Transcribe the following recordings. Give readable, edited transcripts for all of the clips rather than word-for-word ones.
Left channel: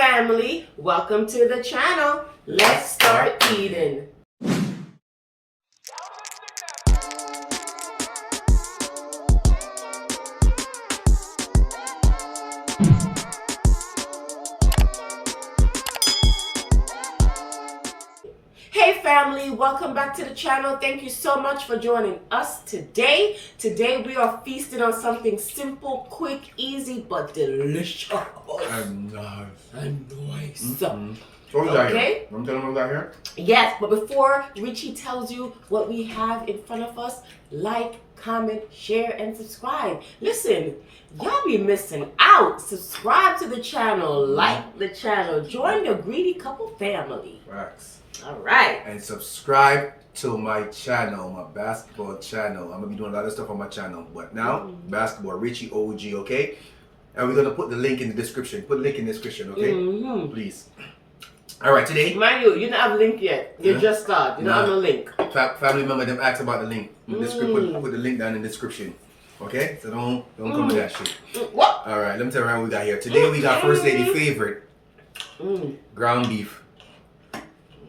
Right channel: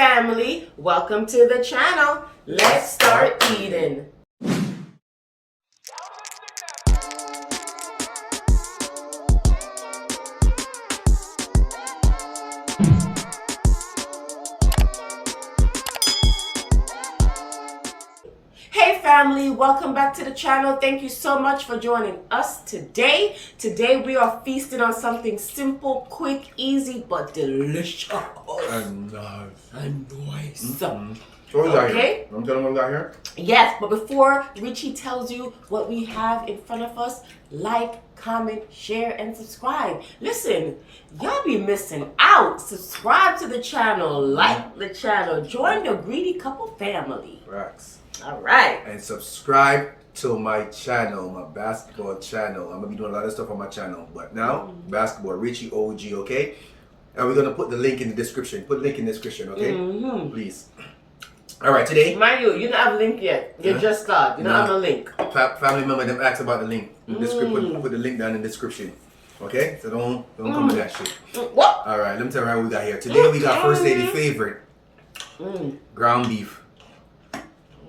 family, welcome to the channel. Let's start eating. Hey family, welcome back to the channel. Thank you so much for joining us today. Today we are feasting on something simple, quick, easy, but delicious. And nice. And nice. So what got Okay. here? I'm telling you what we got here? Yes, but before Richie tells you what we have in front of us, like, comment, share, and subscribe. Listen, y'all be missing out. Subscribe to the channel, like the channel, join the Greedy Couple family. Facts. All right. And subscribe to my channel, my basketball channel. I'm gonna be doing a lot of stuff on my channel. But now, basketball, Richie OG, okay? And we're gonna put the link in the description. Put the link in the description, okay? Please. All right, today. Mind you, don't have a link yet. You just start. You don't have no link. Family member them asked about the link. In the put the link down in the description. Okay? So don't come with that shit. What? All right, let me tell you what we got here. Today we got First Lady favorite. Ground beef.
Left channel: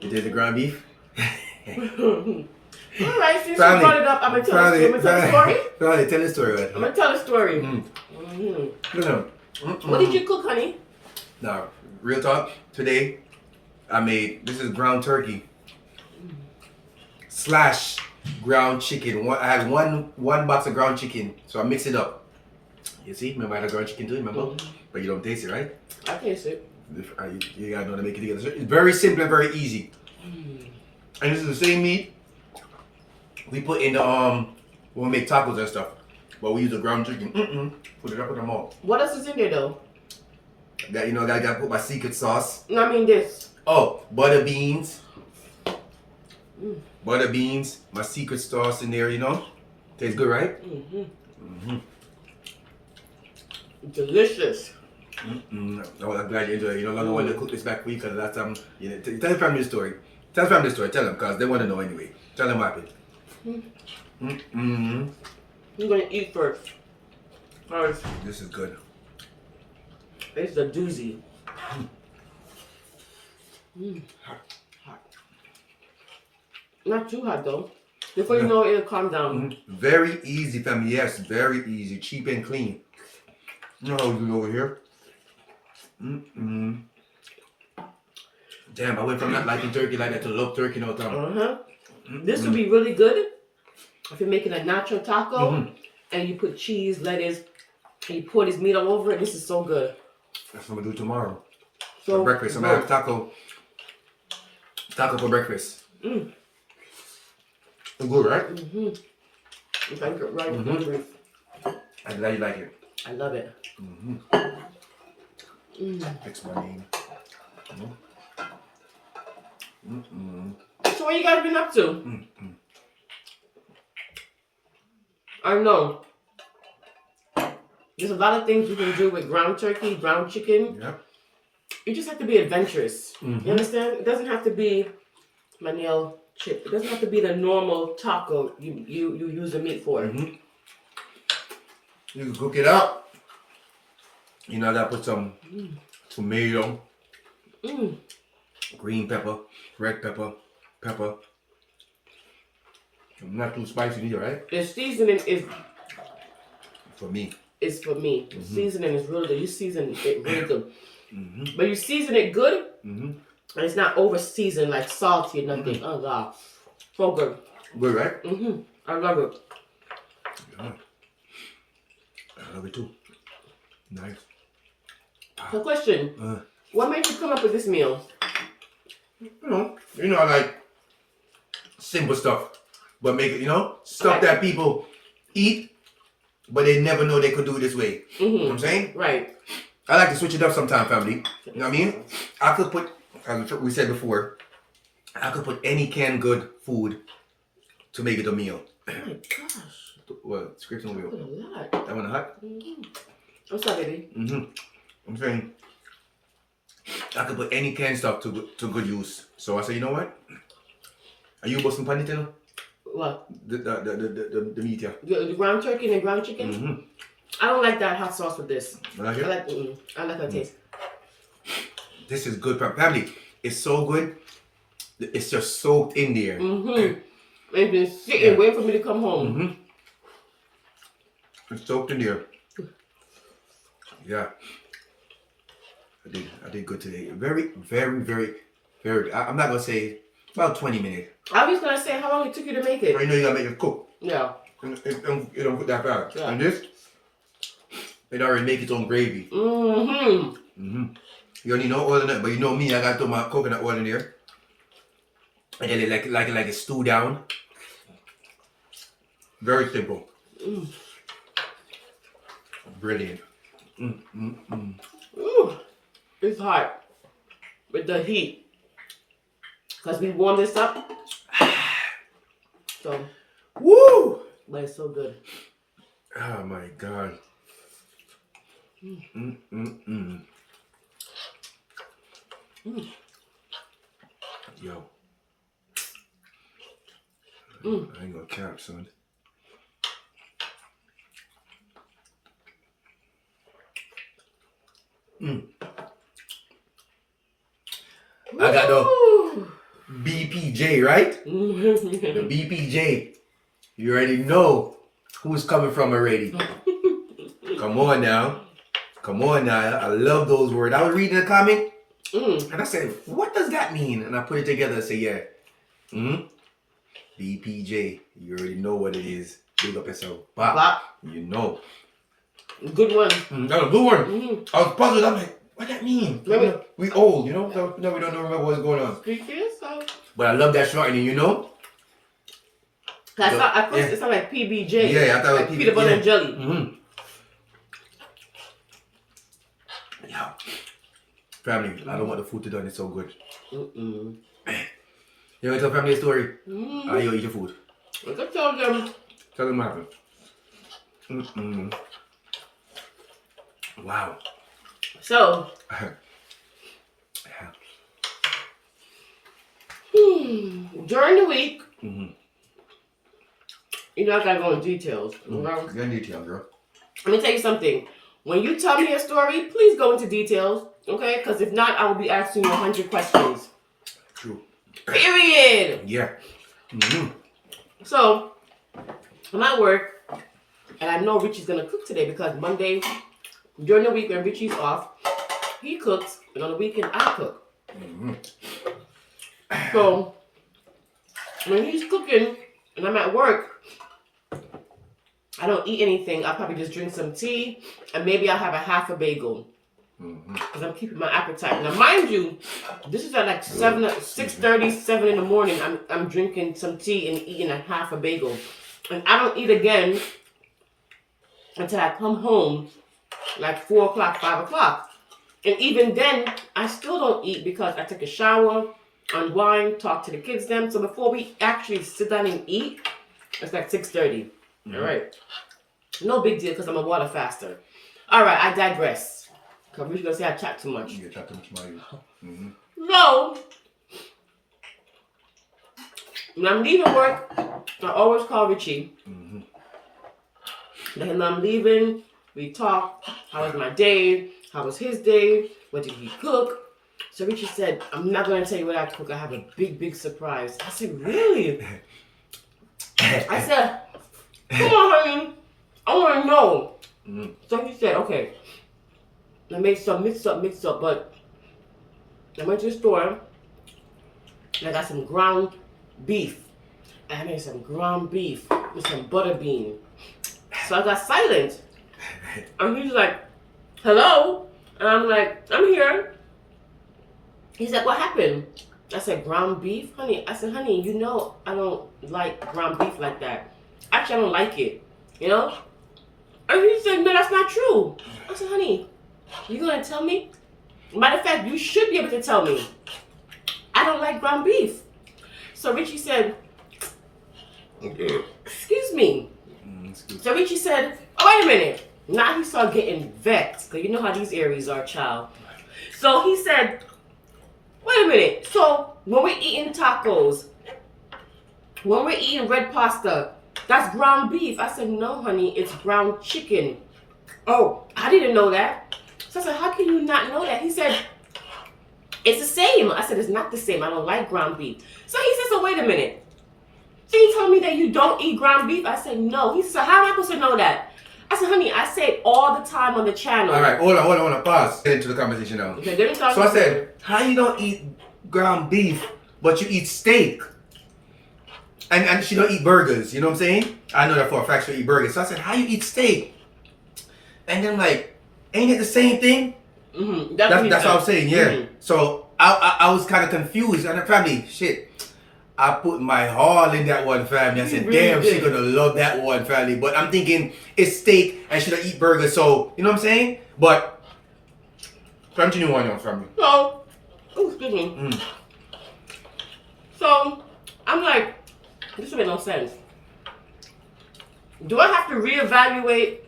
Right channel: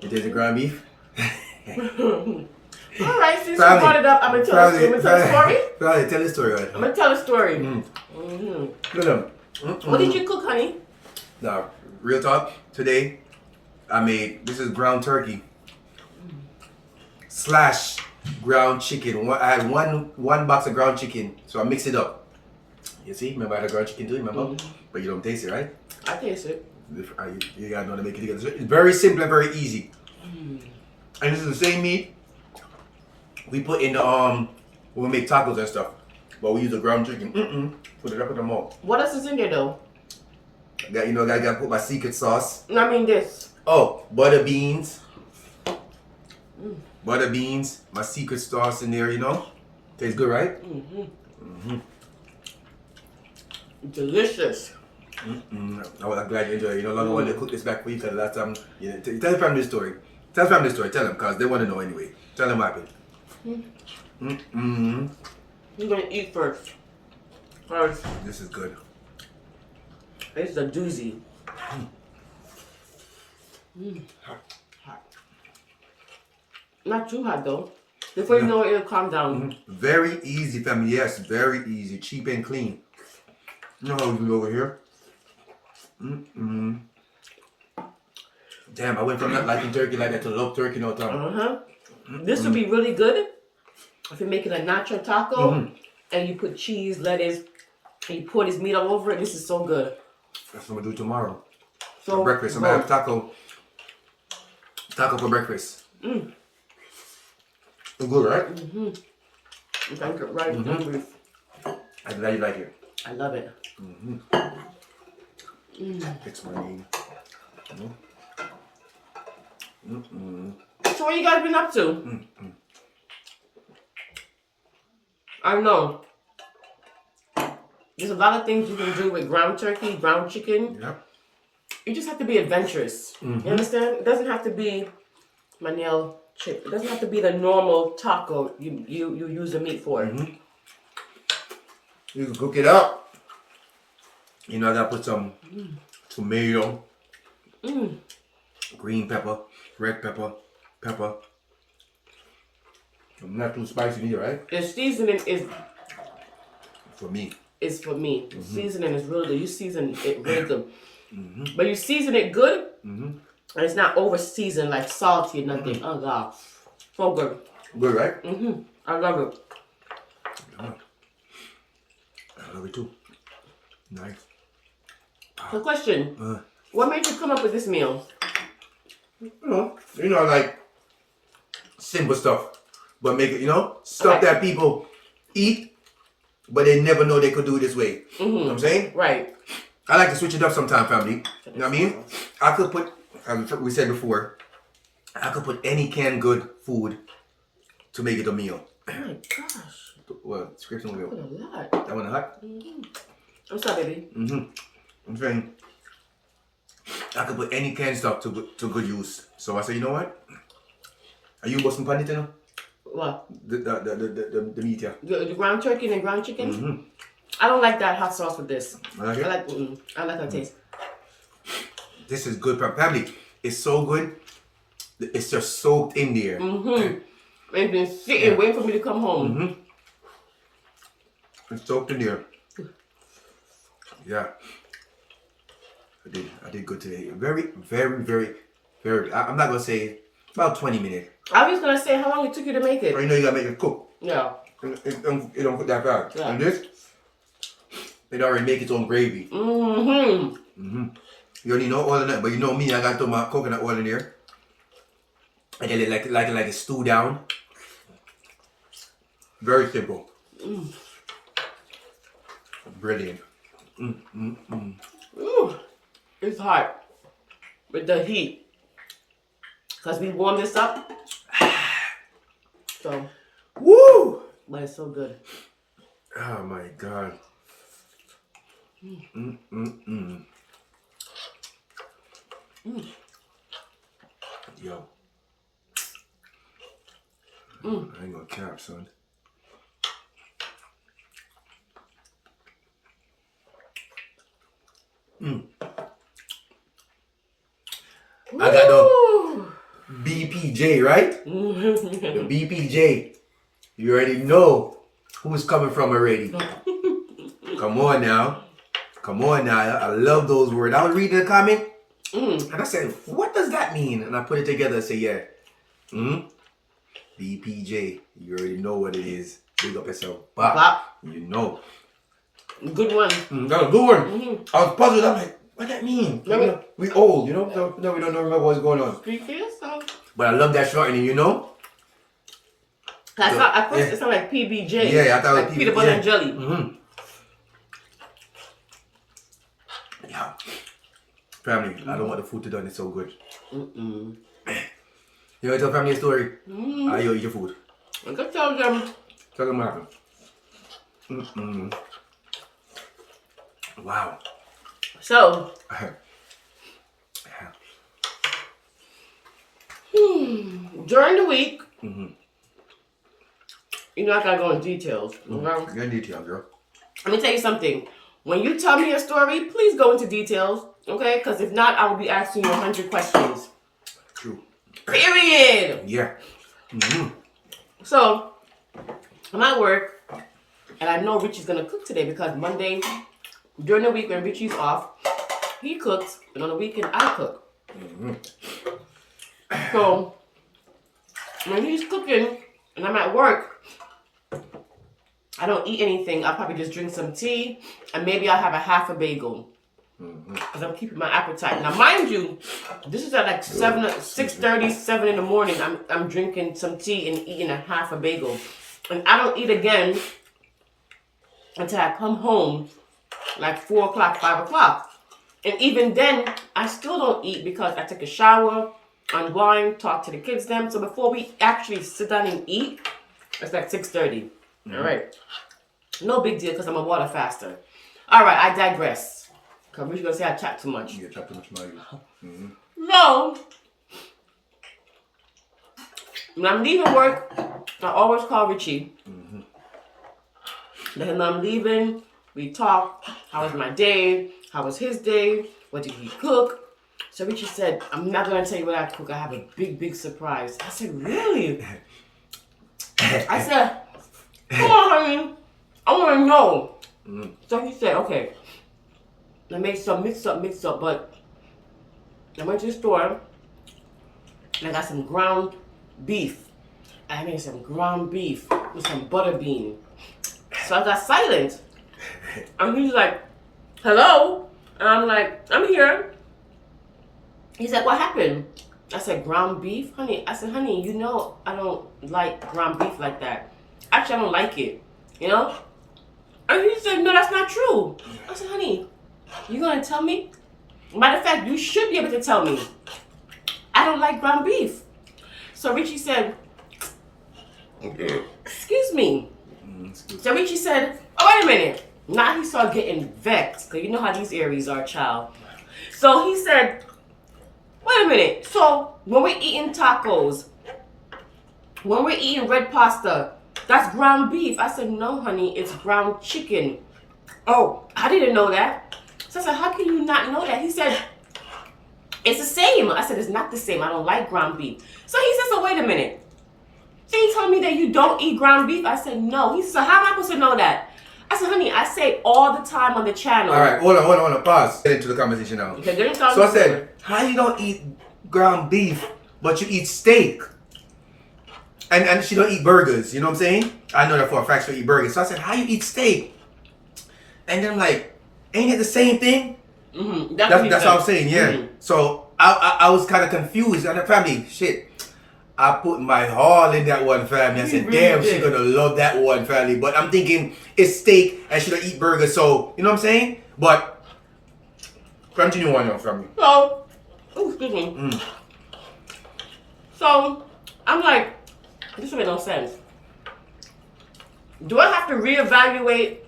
You did the ground beef? All right, since you brought it up, I'm going to tell the story. Tell the story. Right? I'm going to tell the story. What did you cook, honey? Now, real talk, today I made, this is ground turkey / ground chicken. I had one box of ground chicken, so I mixed it up. You see, remember I had a ground chicken too, remember? But you don't taste it, right? I taste it. You gotta know to make it together. It's very simple and very easy. And this is the same meat we put in the when we make tacos and stuff. But we use the ground chicken. Put it up in the mouth. What else is in there though? I gotta put my secret sauce. No, I mean this. Oh, butter beans. Butter beans. My secret sauce in there, you know. Tastes good, right? Delicious. I'm glad you enjoyed it. You know, I wanted to cook this back for you because last time, tell the family the story. Tell the family the story. Tell them because they want to know anyway. Tell them what happened. You're going to eat first. First. This is good. It's a doozy. Hot. Not too hot though. Before you know it, it'll calm down. Very easy, family. Yes, very easy. Cheap and clean. You know how we do over here? Damn, I went from not liking turkey like that to love turkey all the time. This would be really good if you're making a nacho taco and you put cheese, lettuce, and you pour this meat all over it. This is so good. That's what I'm gonna do tomorrow. So For breakfast. I'm gonna have taco for breakfast. It's good, right? If I get right, hungry. I'm glad you like it. I love it. Fix my name. So what you guys been up to? I know. There's a lot of things you can do with ground turkey, ground chicken. Yeah. You just have to be adventurous. You understand? It doesn't have to be my nail chip. It doesn't have to be the normal taco you use the meat for. You can cook it up. You know, I gotta put some tomato, green pepper, red pepper, pepper. Not too spicy either, right? The seasoning is For me. for me. The seasoning is really good. You season it really good. But you season it good, and it's not over seasoned like salty or nothing. Oh God, so good. Good, right? I love it. Yeah. I love it too. Nice. So question, what made you come up with this meal? You know, like simple stuff, but make it, stuff that people eat, but they never know they could do it this way. You know what I'm saying? Right. I like to switch it up sometime, family. You know what I mean? I could put, as we said before, I could put any canned good food to make it a meal. Oh my gosh. What? Scrapes on the wheel. A lot. That one hot? I'm sorry, baby. I'm saying I could put any canned stuff to good use. So I said, you know what? Are you busting pan it, you know? What? The meat, yeah. The ground turkey and the ground chicken? I don't like that hot sauce with this. I like it? I like how it tastes. This is good, family. It's so good. It's just soaked in there. It's been sitting, waiting for me to come home. It's soaked in there. Yeah. I did good today. Very, very, very, very. I'm not gonna say about 20 minutes. I was gonna say how long it took you to make it. But you know you gotta make it cook. Yeah. It don't put that fast. Yeah. And this, it already make its own gravy. You don't need no oil in it, but you know me, I got to throw my coconut oil in there. And then like a stew down. Very simple. Brilliant. Ooh, it's hot with the heat. Cause we warmed this up. So, woo! but it's so good. Oh my God. Yo. I ain't gonna cap, son. I got the BPJ, right? The BPJ. You already know who's coming from already. Come on now. Come on now. I love those words. I was reading a comment and I said, what does that mean? And I put it together and say, yeah. BPJ. You already know what it is. Big up yourself. Bop. You know. Good one. That was a good one. I was puzzled. I'm like, what that mean? We old, you know? No, we don't remember what's going on. Speak for yourself. But I love that shortening, you know? At first it sounded like PBJ. Yeah, I thought like it was peanut butter and jelly. Yeah. Family, I don't want the food to done. It's so good. You want to tell family a story? How you eat your food? I can tell them. Tell them what happened. Wow. So, during the week, you know I gotta go in details. Go in detail, girl. Let me tell you something. When you tell me a story, please go into details, okay? Because if not, I will be asking you 100 questions. True. Period. Yeah. So, I'm at work, and I know Richie's gonna cook today because Monday, during the week when Richie's off, he cooks, and on the weekend I cook. So, when he's cooking and I'm at work, I don't eat anything. I'll probably just drink some tea and maybe I'll have a half a bagel. Because I'm keeping my appetite. Now, mind you, this is at like 6:30, 7 in the morning. I'm drinking some tea and eating a half a bagel. And I don't eat again until I come home like 4 o'clock, 5 o'clock. And even then, I still don't eat because I take a shower, unwind, talk to the kids then. So before we actually sit down and eat, it's like 6:30. All right. No big deal because I'm a water faster. All right, I digress. Because we're going to say I chat too much. You chat too much about you. So, when I'm leaving work, I always call Richie. Then when I'm leaving, we talk. How was my day? How was his day? What did he cook? So Richie said, I'm not going to tell you what I cook. I have a big, big surprise. I said, really? I said, come on, honey. I want to know. So he said, okay. I made some mix up, but I went to the store and I got some ground beef. I made some ground beef with some butter bean. So I got silent. And he's like, hello? And I'm like, I'm here. He's like, what happened? I said, ground beef? Honey, I said, honey, you know I don't like ground beef like that. Actually, I don't like it, you know? And he said, no, that's not true. I said, honey, you gonna tell me? Matter of fact, you should be able to tell me. I don't like ground beef. So Richie said, excuse me. So Richie said, oh, wait a minute. Now he started getting vexed, because you know how these Aries are, child. So he said, wait a minute. So when we're eating tacos, when we're eating red pasta, that's ground beef. I said, no, honey, it's ground chicken. Oh, I didn't know that. So I said, how can you not know that? He said, It's the same. I said, it's not the same. I don't like ground beef. So he said, so wait a minute. So you telling me that you don't eat ground beef? I said, no. He said, how am I supposed to know that? I said, honey, I say it all the time on the channel. All right, hold on, pause. Get into the conversation now. Okay, get into the So I said, how you don't eat ground beef, but you eat steak? And she don't eat burgers, you know what I'm saying? I know that for a fact she don't eat burgers. So I said, how you eat steak? And then I'm like, ain't it the same thing? Mm-hmm. That's what I'm saying, yeah. Mm-hmm. So I was kind of confused. And the family, shit, I put my all in that one, family. I said, really damn, did. she gonna love that one, family. But I'm thinking it's steak and she don't eat burgers. So, you know what I'm saying? But continue on, family. So, excuse me. So, I'm like, this doesn't make no sense. Do I have to reevaluate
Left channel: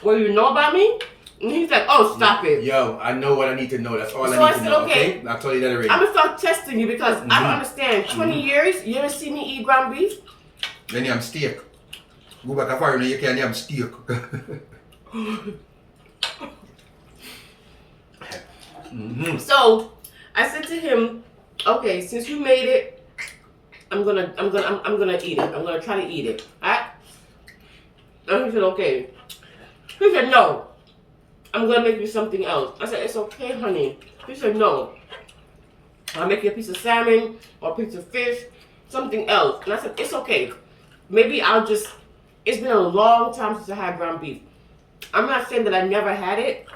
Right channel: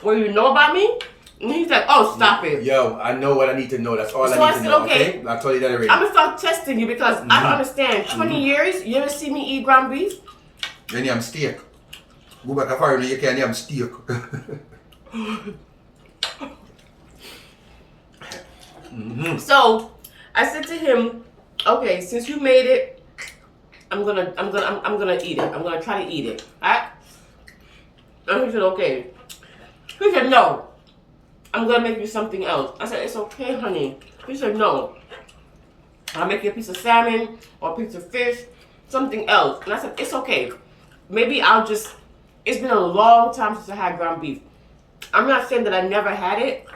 what you know about me? And he's like, oh, stop it. Yo, I know what I need to know. That's all So I I need to said, know. okay. Okay, I told you that already. I'm gonna start testing you because I don't understand. 20 years, you ever see me eat ground beef? Then I'm steak. Go back a fire and you can't have steak. So I said to him, okay, since you made it, I'm gonna eat it. I'm gonna try to eat it. Alright? And he said, okay. He said, no. I'm gonna make you something else. I said, it's okay, honey. He said, no. I'll make you a piece of salmon or a piece of fish, something else. And I said, it's okay. Maybe I'll just, it's been a long time since I had ground beef. I'm not saying that I never had it.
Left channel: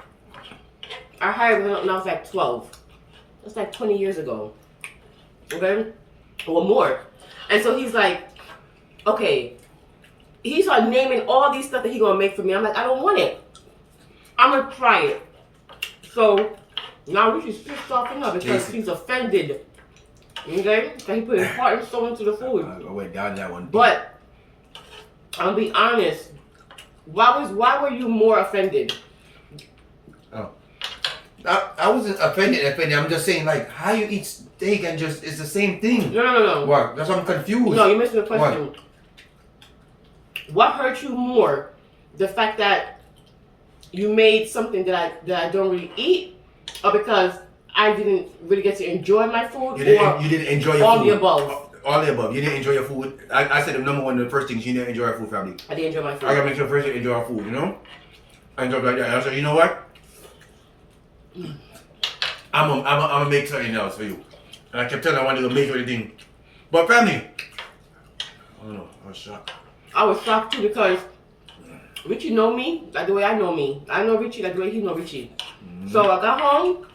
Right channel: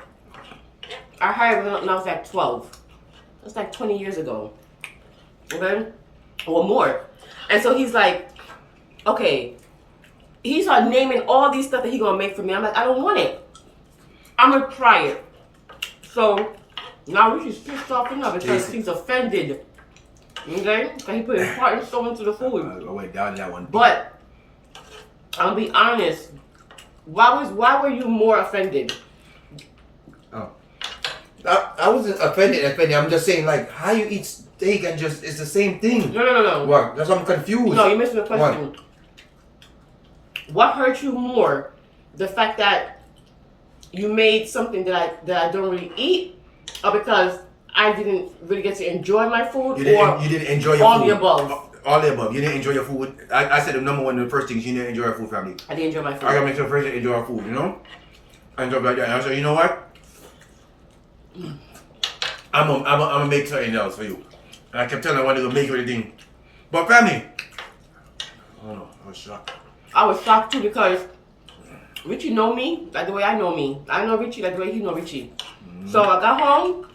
I had it when I was like 12. That's like 20 years ago. Okay? Or more. And so he's like, okay. He started naming all these stuff that he's gonna make for me. I'm like, I don't want it. I'm gonna try it. So now Richie's pissed off enough because he's offended. Okay? Because he put his heart and soul into the food. I went down that one. But I'll be honest. Why were you more offended? Oh. I wasn't offended. I'm just saying, like, how you eat steak and just, it's the same thing. No. What? That's why I'm confused. No, you're missing the question. What hurt you more? The fact that you made something that I don't really eat, or because I didn't really get to enjoy my food, you didn't enjoy your all food. the above? All the above. You didn't enjoy your food. I said the number one, the first thing is you didn't enjoy your food, family. I didn't enjoy my food. I gotta make sure first you enjoy our food, you know? And stuff like that. And I said, you know what? I'm gonna make something else for you. And I kept telling her I wanted to make everything. But family, I don't know, I was shocked. I was shocked too because Richie know me like the way I know me. I know Richie like the way he know Richie. So I got home,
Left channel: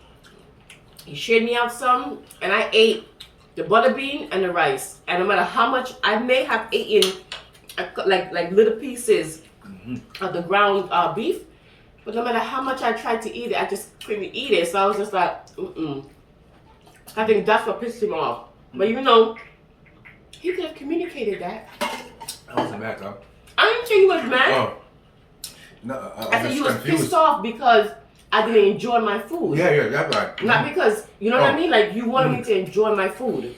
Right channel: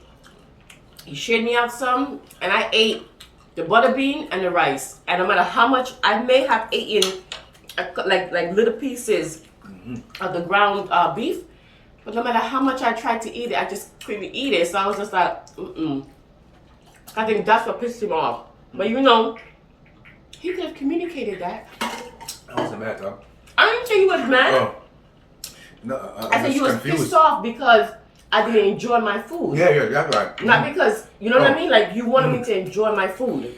he shared me out some, and I ate the butter bean and the rice. And no matter how much I may have eaten, like little pieces of the ground beef, but no matter how much I tried to eat it, I just couldn't eat it. So I was just like, I think that's what pissed him off. But you know, he could have communicated that. I wasn't mad, though. I didn't think he was mad. Oh. No, I think he was pissed off because I didn't enjoy my food. Yeah, that's right. Not because, you know what I mean? Like, you wanted me to enjoy my food.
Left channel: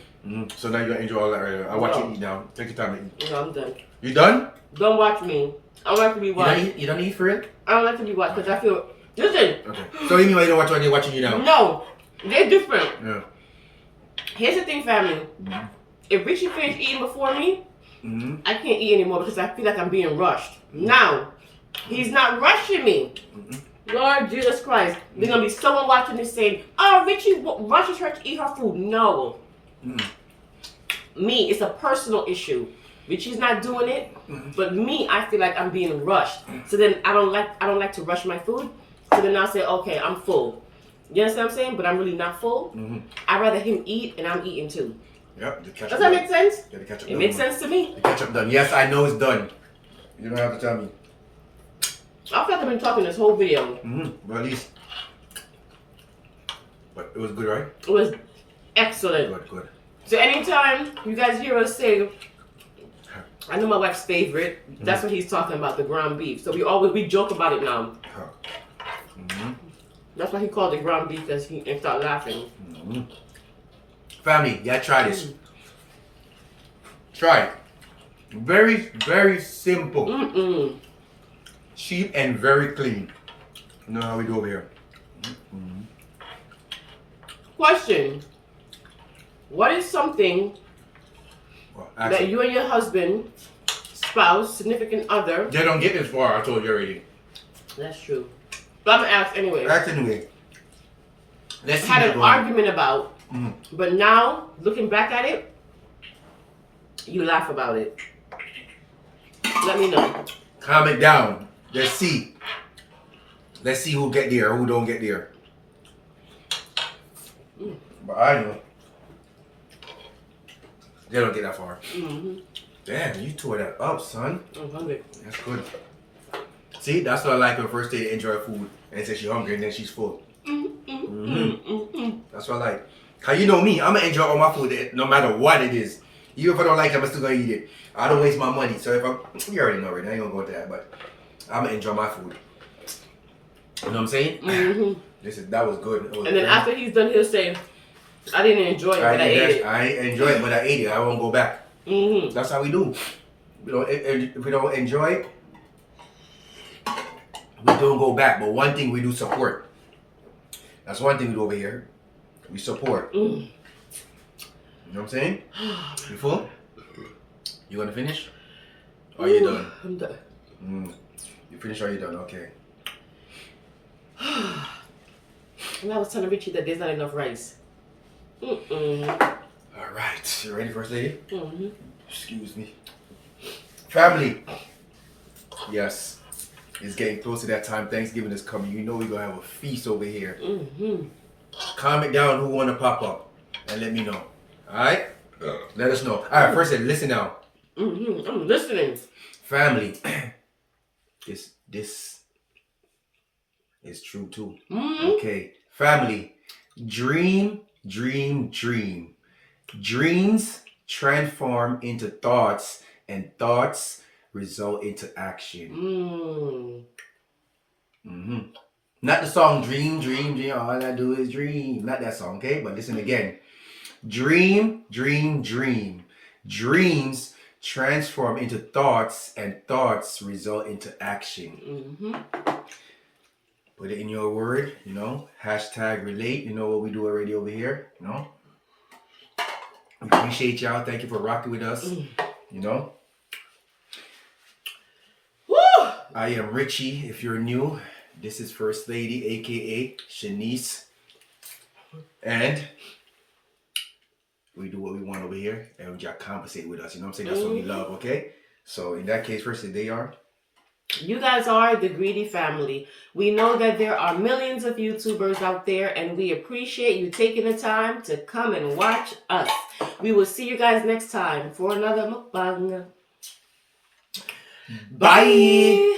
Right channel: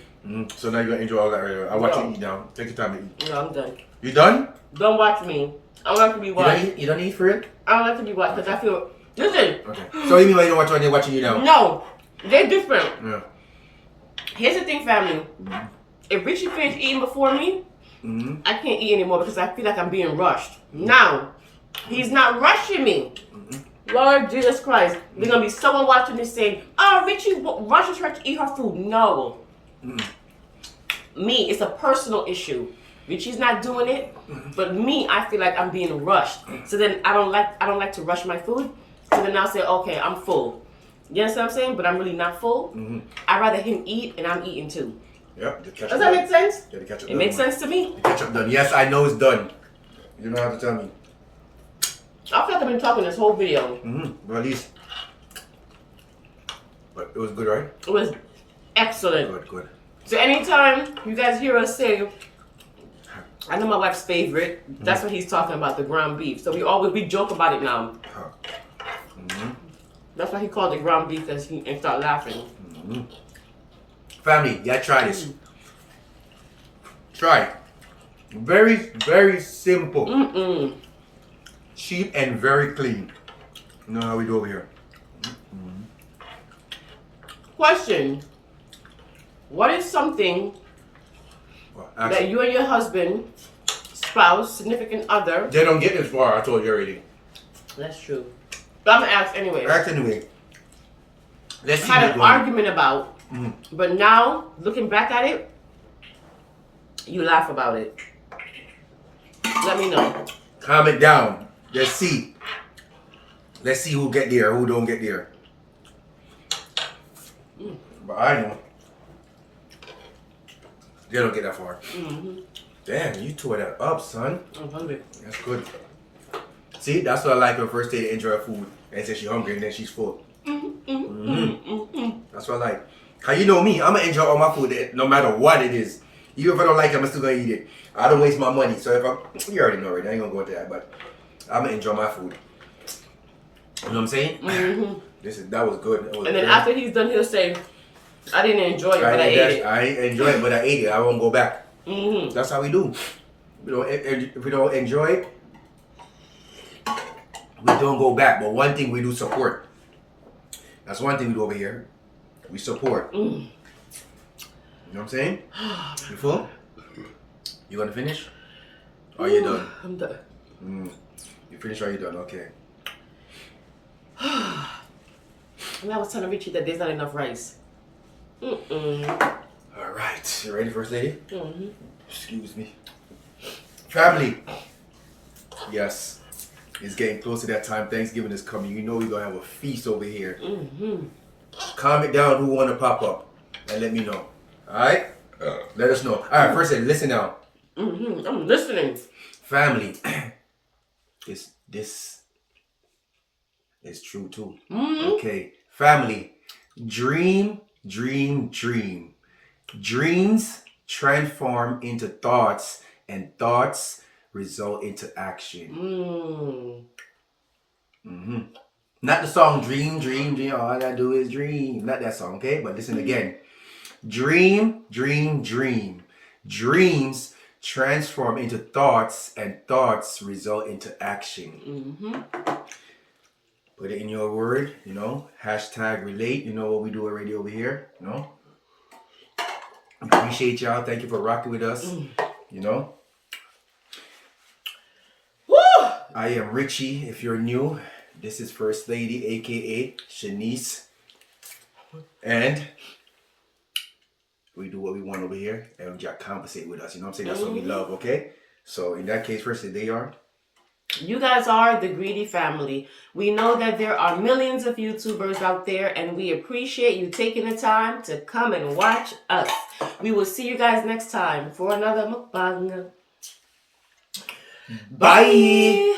So now you're gonna enjoy all that right now. I'll watch you eat now. Take your time to eat. No, I'm done. You done? Don't watch me. I don't like to be watched. You don't eat for it? I don't like to be watched because I feel... Listen. Okay. So you mean why you don't watch when you're watching you now? No. They're different. Yeah. Here's the thing, family. If Richie finished eating before me, I can't eat anymore because I feel like I'm being rushed. Now, he's not rushing me. Lord Jesus Christ. There's going to be someone watching this saying, oh, Richie rushes her to eat her food. No. Me, it's a personal issue. Richie's not doing it, but me, I feel like I'm being rushed. So then I don't like to rush my food. So then I'll say, okay, I'm full. You understand what I'm saying? But I'm really not full. I'd rather him eat and I'm eating too. Yep. Does that make sense? Yeah, the ketchup It makes sense to me. The ketchup done. Yes, I know it's done. You don't have to tell me. I feel like I've been talking this whole video. But at least. But it was good, right? It was excellent. Good. So anytime you guys hear us say, I know my wife's favorite, that's what he's talking about, the ground beef. So we joke about it now. That's why he called it ground beef and start laughing. Family, yeah, try this. Try it. Very, very simple. Cheap and very clean. You know how we do over here. Question. What is something that you and your husband, spouse, significant other... They don't get this far, I told you already. That's true. But I'm going to ask anyway. Ask anyway. Let's see had an argument about, but now, looking back at it, you laugh about it. Let me know. Comment down. Let's see. Let's see who get there, who don't get there. But I know. They don't get that far. Damn, you tore that up, son. I'm hungry. That's good. See, that's what I like when first they enjoy food and say she's hungry and then she's full. That's what I like. How you know me, I'm gonna enjoy all my food no matter what it is. Even if I don't like it, I'm still gonna eat it. I don't waste my money. So if you already know it, I ain't gonna go into that, but I'm gonna enjoy my food. You know what I'm saying? That was good. And then after he's done, he'll say, I didn't enjoy it, but I ate it. I ain't enjoy it, but I ate it. I won't go back. That's how we do. If we don't enjoy it, we don't go back. But one thing we do support. That's one thing we do over here. We support. You know what I'm saying? You full? You gonna finish? Or are you done? I'm done. You finished or you done? Okay. And I was telling Richie that there's not enough rice. Alright. You ready, First Lady? Excuse me. Family. Yes. It's getting close to that time. Thanksgiving is coming. You know we're going to have a feast over here. Comment down who want to pop up and let me know. Alright? Let us know. Alright, First Lady, listen now. I'm listening. Family. This is true too. Okay. Family. Dream. Dreams transform into thoughts, and thoughts result into action. Not the song Dream. All I do is dream. Not that song, okay? But listen again. Dream. Dreams transform into thoughts, and thoughts result into action. Put it in your word, you know. Hashtag relate. You know what we do already over here, you know. Appreciate y'all. Thank you for rocking with us. You know. Woo! I am Richie. If you're new, this is First Lady, aka Shanice. And we do what we want over here, and we just compensate with us. You know what I'm saying? That's what we love, okay? So in that case, First Lady, they are. You guys are the Greedy family. We know that there are millions of YouTubers out there, and we appreciate you taking the time to come and watch us. We will see you guys next time for another mukbang. Bye.